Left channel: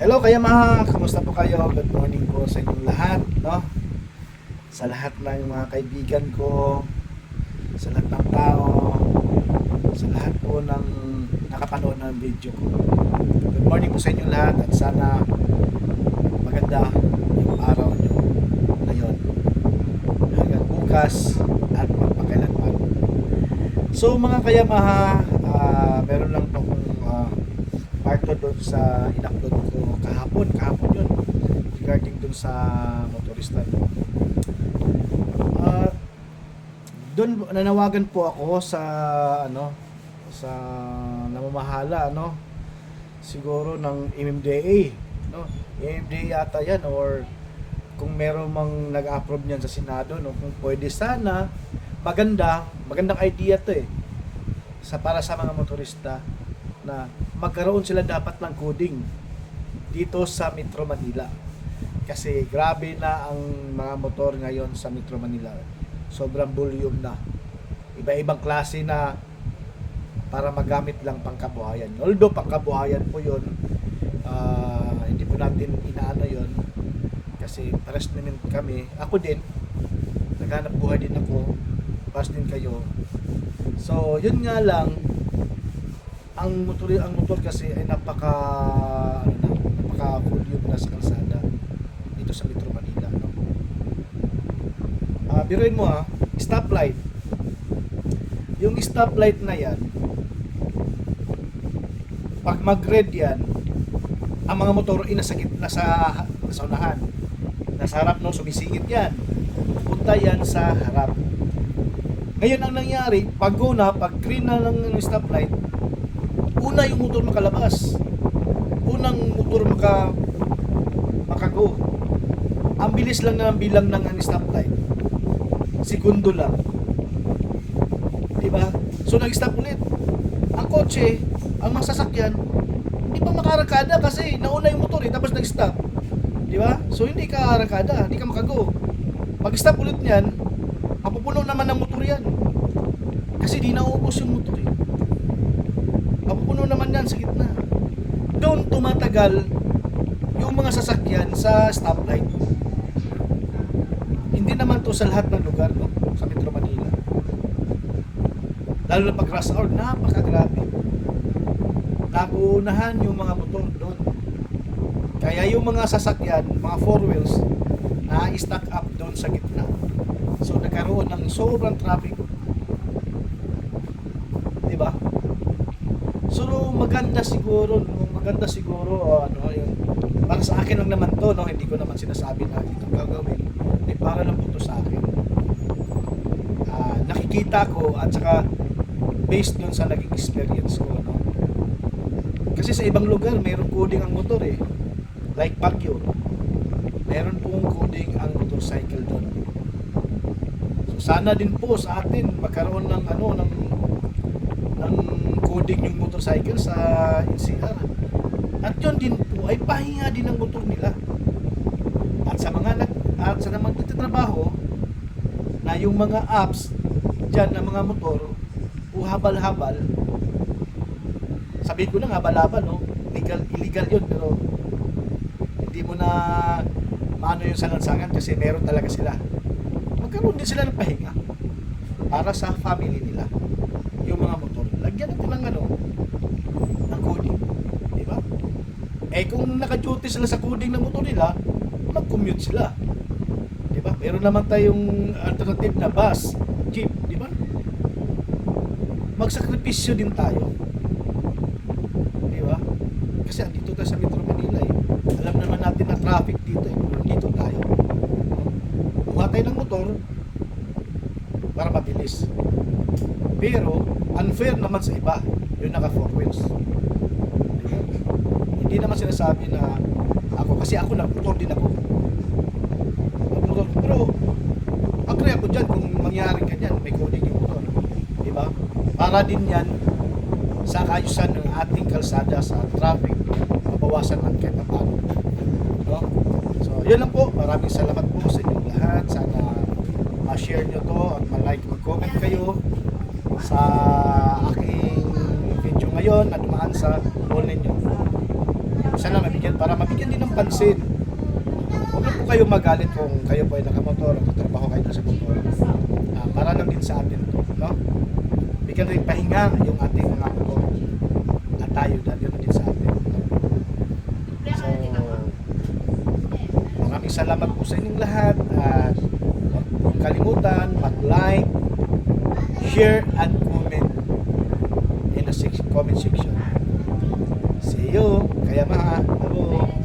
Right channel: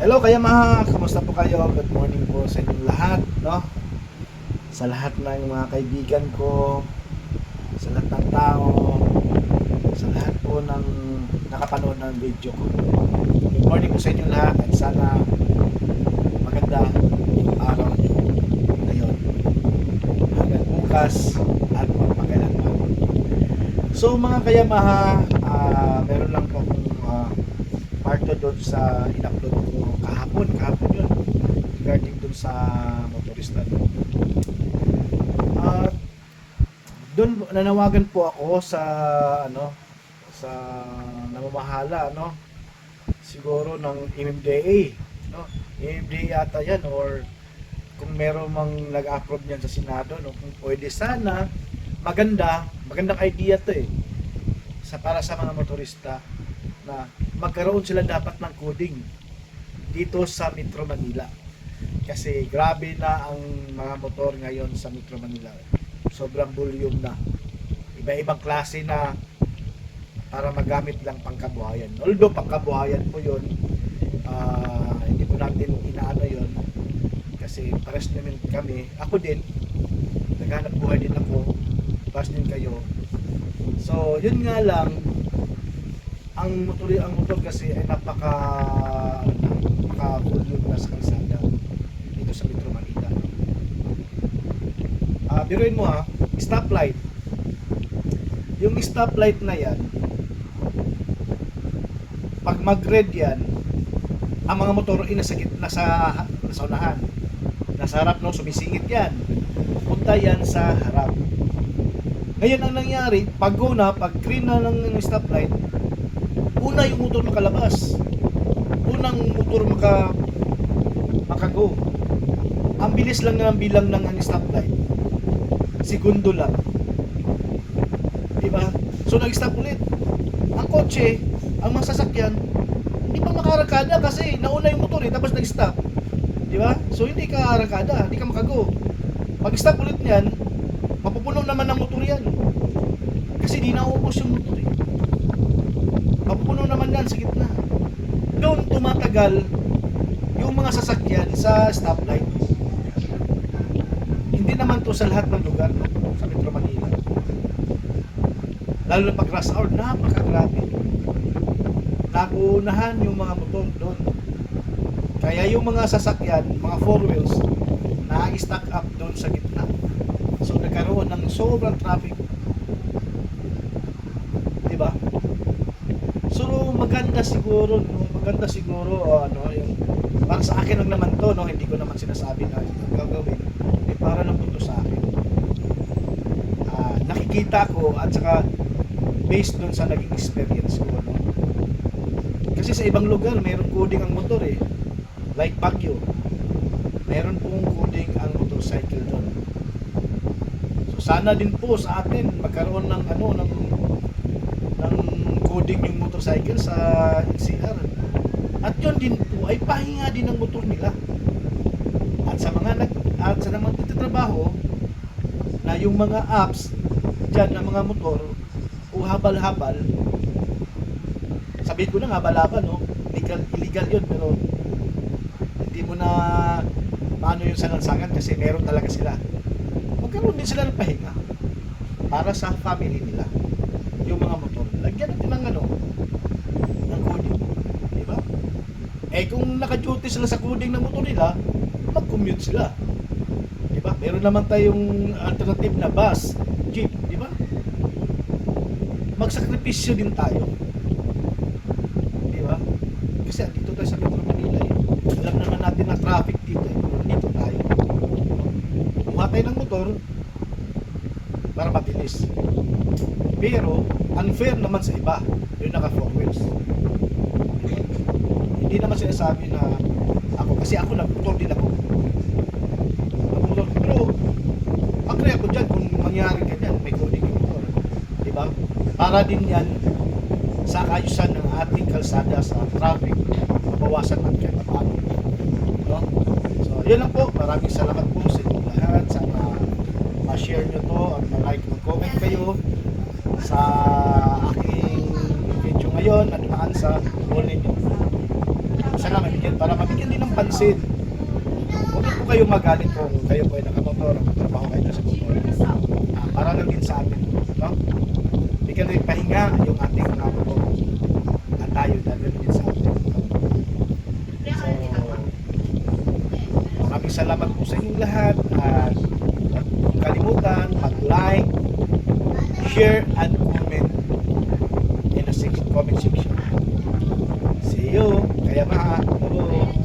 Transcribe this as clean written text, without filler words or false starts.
Hello kaya mga, kumusta po kayo? Good morning po sa inyong lahat, no? Sa lahat ng mga kaibigan ko, sa lahat ng tao, sa lahat po ng nakapanood ng video ko. Good morning po sa inyong lahat at sana maganda yung araw nyo ngayon hanggang bukas at magpakailanman. So mga kayamaha, meron lang po akong part doon sa in-upload ko kahapon yun regarding doon sa motorista doon. Doon nanawagan po ako sa sa namamahala siguro ng MMDA, no? MMDA yata yan, or kung meron mang nag-approve niyan sa Senado, no, kung pwede sana, magandang idea to para sa mga motorista na magkaroon sila dapat ng coding dito sa Metro Manila. Kasi grabe na ang mga motor ngayon sa Metro Manila. Sobrang volume na. Iba-ibang klase na para magamit lang pangkabuhayan. Although pangkabuhayan po yun, hindi po natin inaano yun. Kasi pares namin kami. Ako din, naghanap buhay din ako. Pares din kayo. So, yun nga lang, ang motor kasi ay napaka volume na sa kalsada dito sa Metro Manila. Biruin mo stoplight. Yung stoplight na yan, pag mag-red yan, ang mga motor ay nasa gitna, nasa unahan. Nasa harap, no, sumisingit yan. Punta yan sa harap. Ngayon ang nangyari, pag green na ng stoplight, una yung motor makalabas. Unang motor makago. Ang bilis lang ng bilang ng stoplight. Segundo lang. Diba? So nag-stop ulit. Ang kotse, ang masasakyan, hindi pa makarangkada kasi nauna yung motor tapos nag-stop. Diba? So hindi ka arangkada, hindi ka makago. Pag-stop ulit niyan, mapupuno naman ng motor yan. Kasi di naubos yung motor mapupuno naman yan sa gitna. Doon tumatagal yung mga sasakyan sa stoplight. Hindi naman to sa lahat ng lugar, no? Sa Metro Manila. Lalo na pag rush hour, napakagrabe. Naguunahan yung mga motor doon. Kaya yung mga sasakyan, mga four wheels, na-stack up doon sa gitna. So nagkaroon ng sobrang traffic. Diba? So maganda siguro yung para sa akin lang naman to, no, hindi ko naman sinasabi na ito gagawin, para lang po sa akin. Nakikita ko at saka based dun sa naging experience ko, no. Kasi sa ibang lugar mayroong coding ang motor like Baguio, meron pong coding ang motorcycle doon. So sana din po sa atin magkaroon ng ng coding yung motorcycle sa NCR. At yun din po ay pahinga din ng motor nila. At sa naman nagtatrabaho na yung mga apps dyan ng mga motor o habal-habal, sabihin ko na habal-habal, no? Illegal yun, pero hindi mo na maano yung salansangan kasi meron talaga sila. Magkaroon din sila ng pahinga para sa family nila. Yung mga motor, lagyan natin ng coding, di ba? Kung naka-duty sila sa coding ng motor nila, mag-commute sila, di ba? Meron naman tayong alternative na bus, jeep, di ba? Magsakripisyo din tayo, di ba? Kasi dito tayo sa Metro Manila alam naman natin na traffic dito dito tayo. Kumuha tayo ng motor para mabilis. Pero unfair naman sa iba yung naka four wheels. Hindi naman sinasabi na kasi ako nagmotor din ako. Pero agree ako dyan kung mangyari ganyan, may coding yung motor, di ba? Para din yan sa kaayusan ng ating kalsada sa traffic, mabawasan ang kahit paano, no? So yun lang po, maraming salamat po sa inyong lahat. Sana ma-share nyo to at ma-like, mag-comment kayo sa aking video ngayon at maan sa goal ninyo. sana para mabigyan din ng pansin. Huwag na po kayo magalit kung kayo po ay nakamotor o magtrabaho kayo sa motor. Para lang din sa atin to, no? Bigyan rin pahinga yung ating mga motor. At tayo na din sa atin. So, maraming salamat po sa inyong lahat at huwag kalimutan mag-like, share, and comment in the comment section. See you! Kaya mga, hello!